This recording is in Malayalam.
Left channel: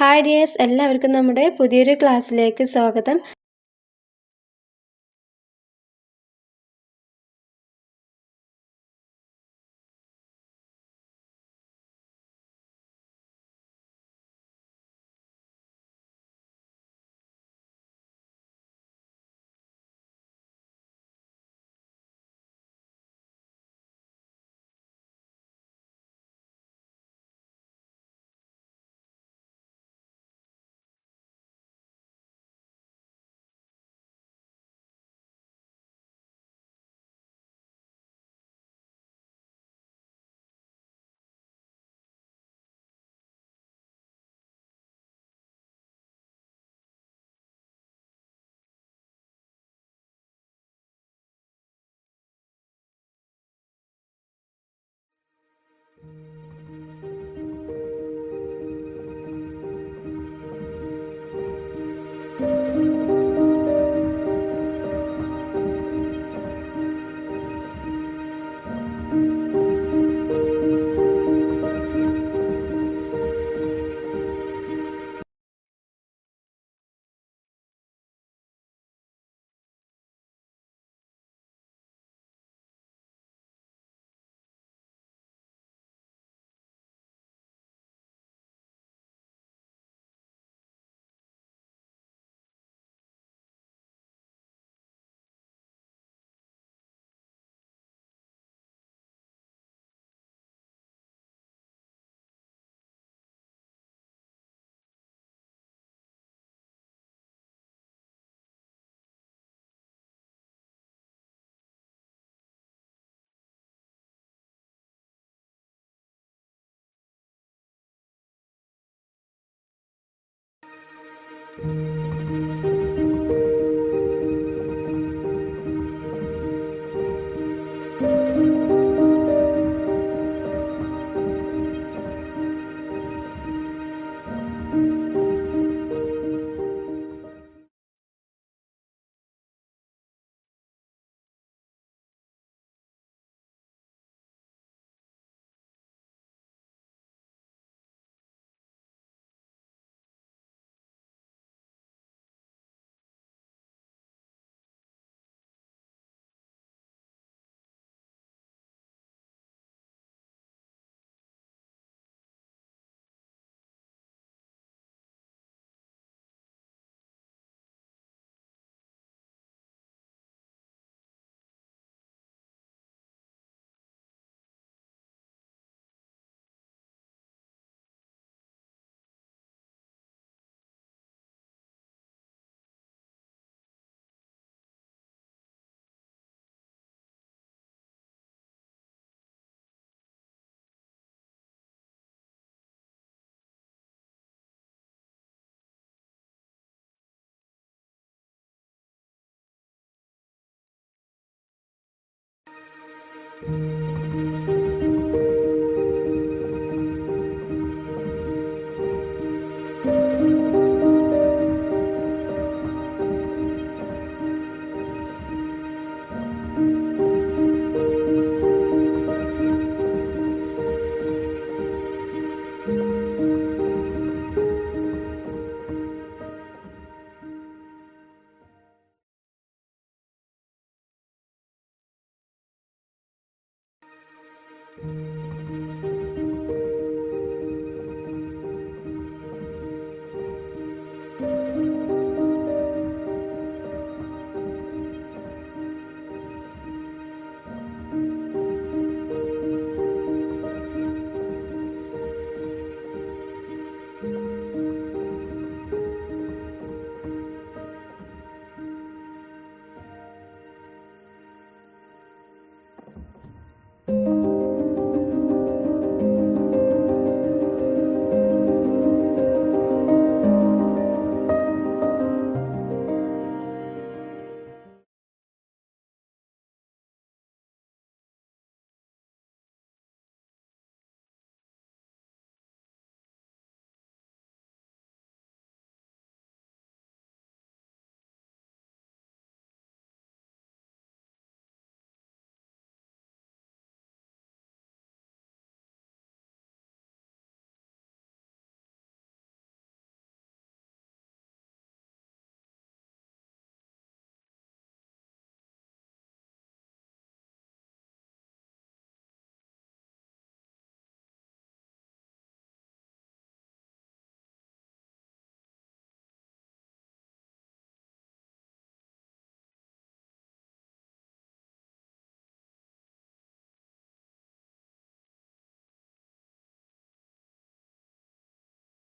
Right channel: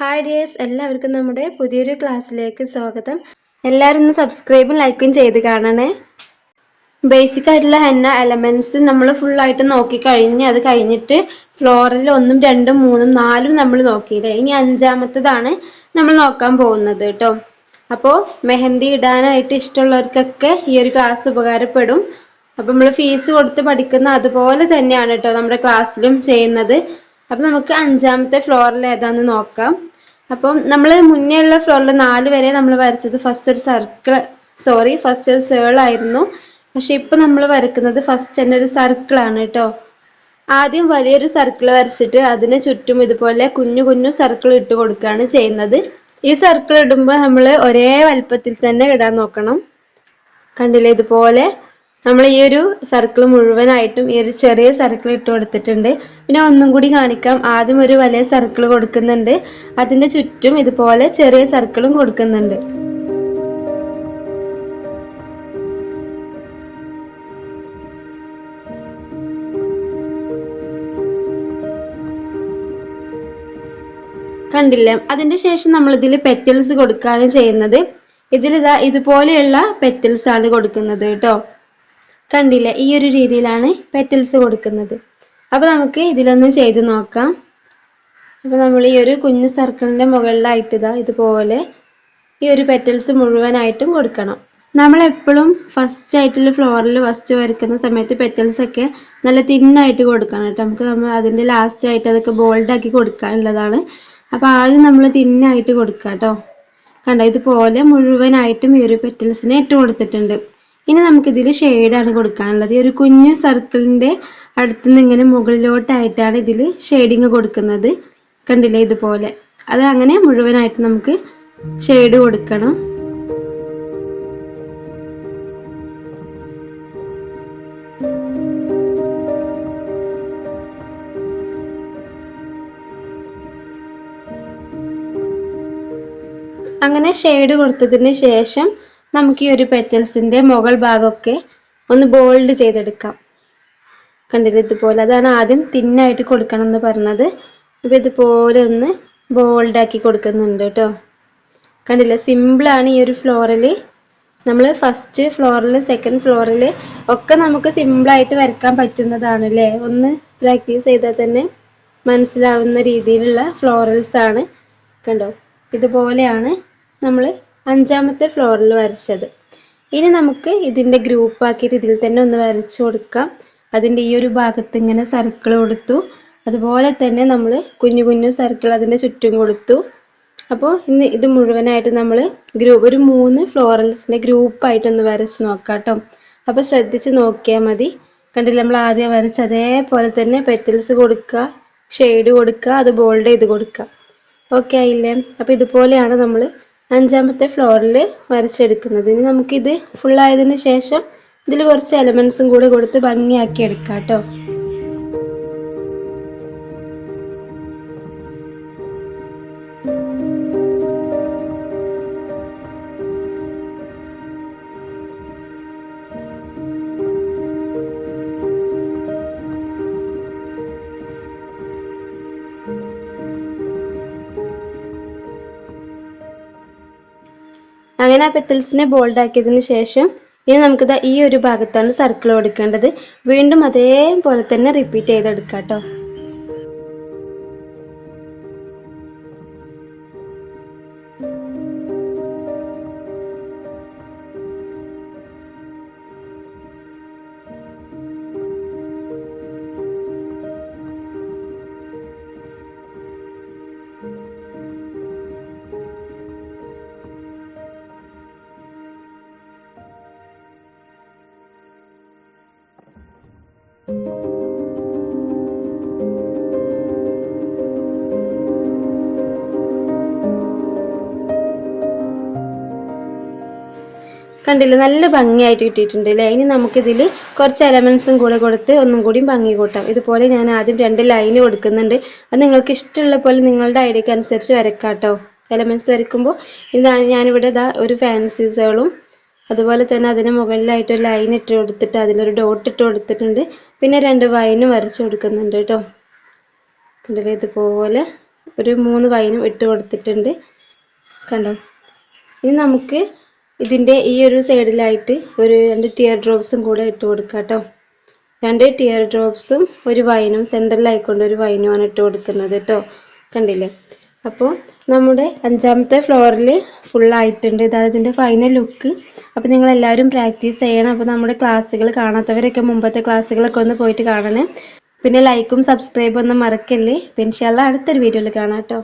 ഹായ് ഡിയേഴ്സ് എല്ലാവർക്കും നമ്മുടെ പുതിയൊരു ക്ലാസ്സിലേക്ക് സ്വാഗതം. എല്ലാവരും ഒന്ന് സബ്സ്ക്രൈബും ലൈക്കും ചെയ്ത് കാണണേ. ബേസിക് ആയിട്ടുള്ള ഹെന്ന എലമെന്റ്സ് നമ്മൾ ഫുള്ളായിട്ട് നോക്കി കഴിഞ്ഞ് അത് കഴിഞ്ഞിട്ട് ഫ്ലോറിൽ ഒന്നും രണ്ടും മൂന്നും നാലും നമ്മൾ നോക്കിയില്ലേ? ഇനി അഞ്ചാമത്തതാണ് നമ്മൾ നോക്കാൻ പോകുന്നത് കേട്ടോ അപ്പോൾ മെഹന്തി ഇടാനായിട്ട് ഇഷ്ടമുള്ളവർക്കൊക്കെ ഈ ഒരു ക്ലാസ് ഉപകാരപ്പെടും. അപ്പം നമ്മൾ ഫീസ് കൊടുത്ത് പഠിക്കുന്ന അതുപോലെ തന്നെയാണ് കേട്ടോ നമ്മുടെ ക്ലാസ്സിലും ചെയ്യുന്നത്. അപ്പം നമുക്ക് അഞ്ചാമത്തെ ഫ്ലോറിൽ ഏതാന്ന് നോക്കാം. അപ്പം നമ്മൾ മുന്നേ ഉള്ള ഫ്ലോറിൽ നാല് വരെ നമ്മൾ വരച്ചത് ഫസ്റ്റ് ഒരു സർക്കിൾ സോറി ഫസ്റ്റ് ഒരു സേൾ ആയിരുന്നു. പക്ഷെ ഇപ്പം നമ്മൾ വരക്കുന്നത് ഫസ്റ്റ് തന്നെ ഒരു സർക്കിളാണ് കേട്ടോ. ആദ്യം വലിയൊരു സർക്കിൾ വരച്ചിട്ട് അതിന് ചുറ്റും ഇതുപോലെ കുഞ്ഞു കുഞ്ഞു സർക്കിൾ ഇട്ട് കൊടുക്കുകയാണ് ചെയ്യുന്നത്. ഈ സർക്കിൾ ഇടുമ്പോൾ നമ്മൾ ഒരേ വലുപ്പത്തിൽ തന്നെ ഇടാൻ നോക്കണം. കണ്ടില്ലേ ഇതുപോലെ? നമ്മൾ ഈ ഒരു സർക്കിൾ മുഴുവനായിട്ടും ഈ ഒരു ചെറിയ സർക്കിൾ ഇട്ട് കൊടുത്തിട്ടുണ്ട്. പിന്നെ ഒന്നും കൂടി കാണിക്കാം. ആദ്യം ഒരു വലിയ സർക്കിൾ കൊടുക്കുന്നുണ്ട്. അതിന്റെ ചുറ്റും ഇതുപോലെ ചെറിയ സർക്കിളും കൊടുക്കുന്നുണ്ട്. കണ്ടില്ലേ? അതിന്റെ ശേഷം നമ്മൾ ഇതിൽ പെറ്റൽസ് കൊടുക്കുകയാണ് ചെയ്യുന്നത്. ഇതിൽ ഇതാ ഇതുപോലെയുള്ള പെറ്റൽസ് ആണ് കൊടുക്കുന്നത് കേട്ടോ. കണ്ടില്ലേ ഈ ഒരു രീതിയിലാണ് പെറ്റൽസ് കൊടുക്കുന്നത്. അപ്പോൾ നമുക്ക് ഇതിലൊന്ന് ചെയ്ത് നോക്കാം. അപ്പോൾ നമ്മൾ ഈ ഒരു കുഞ്ഞു സർക്കിളിന്റെ മുകളിലായിട്ട് ഇതാ ഇതുപോലെ ഈ ഒരു പെറ്റൽസ് മുഴുവനായിട്ടും കൊടുക്കണം. നമ്മൾ എപ്പോഴും ഫസ്റ്റ് ആയിട്ടുള്ള ഫ്ലോറിൽ ഫസ്റ്റ് വരയ്ക്കുന്ന സമയത്ത് പെറ്റൽസ് ഒക്കെ നല്ല തിന്നായിട്ട് കൊടുക്കണം കേട്ടോ. നമുക്ക് നമ്മൾ അതിന്റെ ലാസ്റ്റ് ആയിട്ട് അതൊക്കെ ബോൾഡാക്കി കൊടുക്കാനുള്ളതാണ്. അപ്പോൾ ആദ്യം നമ്മൾ തിന്നായിട്ട് കൊടുക്കുക കേട്ടോ കണ്ടോ ഇതുപോലെ മുഴുവനായിട്ടും ഈ ഒരു പെറ്റൽസിനെ ഇട്ട് കൊടുത്തിട്ടുണ്ട്. ഇനി നമുക്കിതിൽ ഷെയ്ഡാണ് കൊടുക്കാനുള്ളത്. ഈ ഒരു കുഞ്ഞു സർക്കിളിന്റെ അടുത്ത് നിന്ന് ഇങ്ങനെ മുകളിലോട്ടായിട്ടാണ് ഇതിൽ ഷെയ്ഡിങ് കൊടുക്കുന്നത്. കണ്ടില്ലേ ഇതുപോലെ? അത് അങ്ങനെ മുഴുവനായിട്ട് നമുക്ക് ഷെയ്ഡ് കൊടുക്കണം. അങ്ങനെ ഷെയ്ഡ് കൊടുത്തതിന് ശേഷം നമുക്ക് ഈ ഒരു പെറ്റൽസിന്റെ മുകൾ ഭാഗമൊക്കെ ഒന്ന് ബോൾഡ് ചെയ്തെടുക്കാം. കണ്ടില്ല? ഇതുപോലെ. അതാണ് ആദ്യം തിന്നായിട്ട് കൊടുക്കണം എന്ന് പറഞ്ഞത്. അപ്പോൾ ഇതുപോലെ ഒന്ന് ബോൾഡാക്കി കൊടുക്കുന്നുണ്ട് കേട്ടോ. കണ്ടില്ലേ? സിമ്പിളാണ് ഈ ഒരു ഫ്ലോറിൽ നമ്മൾ ഫസ്റ്റ് ഫ്ലോറിൽ സെക്കൻഡ് ഫ്ലോറിൽ ഒക്കെ നമുക്ക് സിമ്പിളായിട്ട് വരയ്ക്കാൻ പറ്റുന്നതാണ് അല്ലേ? ഒന്ന് പ്രാക്ടീസ് ചെയ്താൽ തന്നെ മനസ്സിലാവുന്ന രീതിയിലുള്ള ഫ്ലോറൽസ് ആണ്. കണ്ടോ? ഇതുപോലെയാണ് നമ്മൾ അഞ്ചാമത്തെ ഫ്ലോറിൽ വരച്ചത്. ഇനി നമുക്ക് ഇതിന്റെ ഗ്രൂപ്പ് ആക്കിയിട്ട് ഇതിൽ തന്നെ ഒന്ന് വരച്ചു കൊടുക്കാം. അതിന്റെ ഈ ഒരു ഭാഗത്ത് ഇങ്ങനെ സർക്കിൾ കൊടുത്തു. അതുപോലെ തന്നെ നമ്മൾ കുഞ്ഞു കുഞ്ഞു സർക്കിൾ അതിന്റെ ചുറ്റും കൊടുത്തു. അപ്പോൾ ഇന്ന് ഇത് മുഴുവനായിട്ട് നമ്മൾ ഗ്രൂപ്പ് ഒരു മൂന്ന് ഫ്ലോറൽസിന്റെ ഗ്രൂപ്പായിട്ടൊന്ന് വരച്ച് നോക്കാം കേട്ടോ അപ്പോൾ ശ്രദ്ധിച്ച് നോക്കിയാൽ മതി. കണ്ടില്ല നമ്മൾ ആദ്യം വരച്ച അതേപോലെ തന്നെ പെറ്റൽസ് കൊടുക്കുക ഷെയ്ഡ് കൊടുക്കുക അത് ബോൾഡ് ചെയ്ത് കൊടുക്കുക ഓക്കെ ആയില്ലേ? അപ്പോൾ ഇതുപോലെയാണ് നമ്മൾ അഞ്ചാമത്തെ ഫ്ലോറിൽ വരച്ചെടുക്കുന്നത്. ഇനി നമുക്കിത് ഫുള്ളായതിനു ശേഷം ഇതിൽ കുറച്ച് എലമെന്റ്സും കൂടെ കൊടുത്ത് ഭംഗിയാക്കി എടുക്കാം കേട്ടോ. അങ്ങനെ ആ പെറ്റൽസിനെ ബോൾഡ് ആക്കിയതിന് ശേഷം ഇനി നമുക്കിത് ഈ ഒരു ഭാഗത്താണ് സർക്കിൾ കൊടുക്കേണ്ടത് വീണ്ടും അതേപോലെ തന്നെ റിപ്പീറ്റ് ചെയ്തെടുക്കാം കേട്ടോ കണ്ടില്ലേ? നല്ല ഭംഗിയായിട്ട് കിട്ടിയിട്ടുണ്ട് അല്ലേ ഇനി നമുക്കിതിൽ കുറച്ച് എലമെൻസും കൂടെ കൊടുത്ത് ഒന്നും കൂടി ഭംഗി കൂട്ടാം. ഇതുപോലെ ഞാൻ ആദ്യം രണ്ട് ലൈന് കൊടുക്കുന്നുണ്ട്. അത് നിങ്ങൾക്ക് ഇഷ്ടമുള്ള പോലെ നിങ്ങളുടെ ഐഡിയക്ക് അനുസരിച്ച് വരക്കാട്ടോ. കേട്ടോ എലമെൻസ് വരയ്ക്കുമ്പോൾ ഇതാ ഞാനിവിടെ ഇതാ ഒരു ഫാൻസീസുകളും അതുപോലെ തന്നെ അതിന് മുകളിലായിട്ട് ഒരു ലൈൻ ഇട്ട് കൊടുത്തിട്ട് അതിലൊരു ഡോട്ട് ഇട്ട് കൊടുത്തിട്ടുണ്ട്. പിന്നെ രണ്ട് വൈനും വരച്ച് കൊടുക്കുന്നുണ്ട് കേട്ടോ കണ്ടില്ലേ? ഇതുപോലെ ഒരു മൂന്ന് വൈനും ഇട്ട് കൊടുത്തിട്ടുണ്ട്. കണ്ടോ? ഇനി നമുക്ക് ഇതിന്റെ ഈ ഒരു സൈഡിലായിട്ട് ഒരു രണ്ട് ടിയർ ഡ്രോപ്സും കൂടെ ഇട്ട് കൊടുക്കാം കേട്ടോ രണ്ട് ടിയർ ഡ്രോപ്സും ഒരു വൈനും സെന്ററിലായിക്കൊണ്ട് ഒരു വൈനുമാണ് ഇട്ട് കൊടുക്കുന്നത് കേട്ടോ കണ്ടില്ലേ? അപ്പോൾ നമ്മുടെ അഞ്ചാമത്തെ ഫ്ലോറിൽ ഫുള്ളായിട്ടുണ്ട് ഇതാണ് ഇതിന്റെ ഫൈനൽ ലുക്ക് അപ്പോൾ നിങ്ങളെല്ലാവരും പ്രാക്ടീസ് ചെയ്യണം. അപ്പോൾ നമ്മുടെ ക്ലാസ്സുകൾ കാണാത്തവരൊക്കെ മുമ്പത്തെ ക്ലാസ്സുകളൊക്കെ ഒന്ന് പോയിട്ട് കാണണേ. പിന്നെ ലൈക്കും സബ്സ്ക്രൈബും ഒന്നും മറക്കല്ലേ? പിന്നെ അടുത്തൊരു വീഡിയോയിൽ കാണാം കേട്ടോ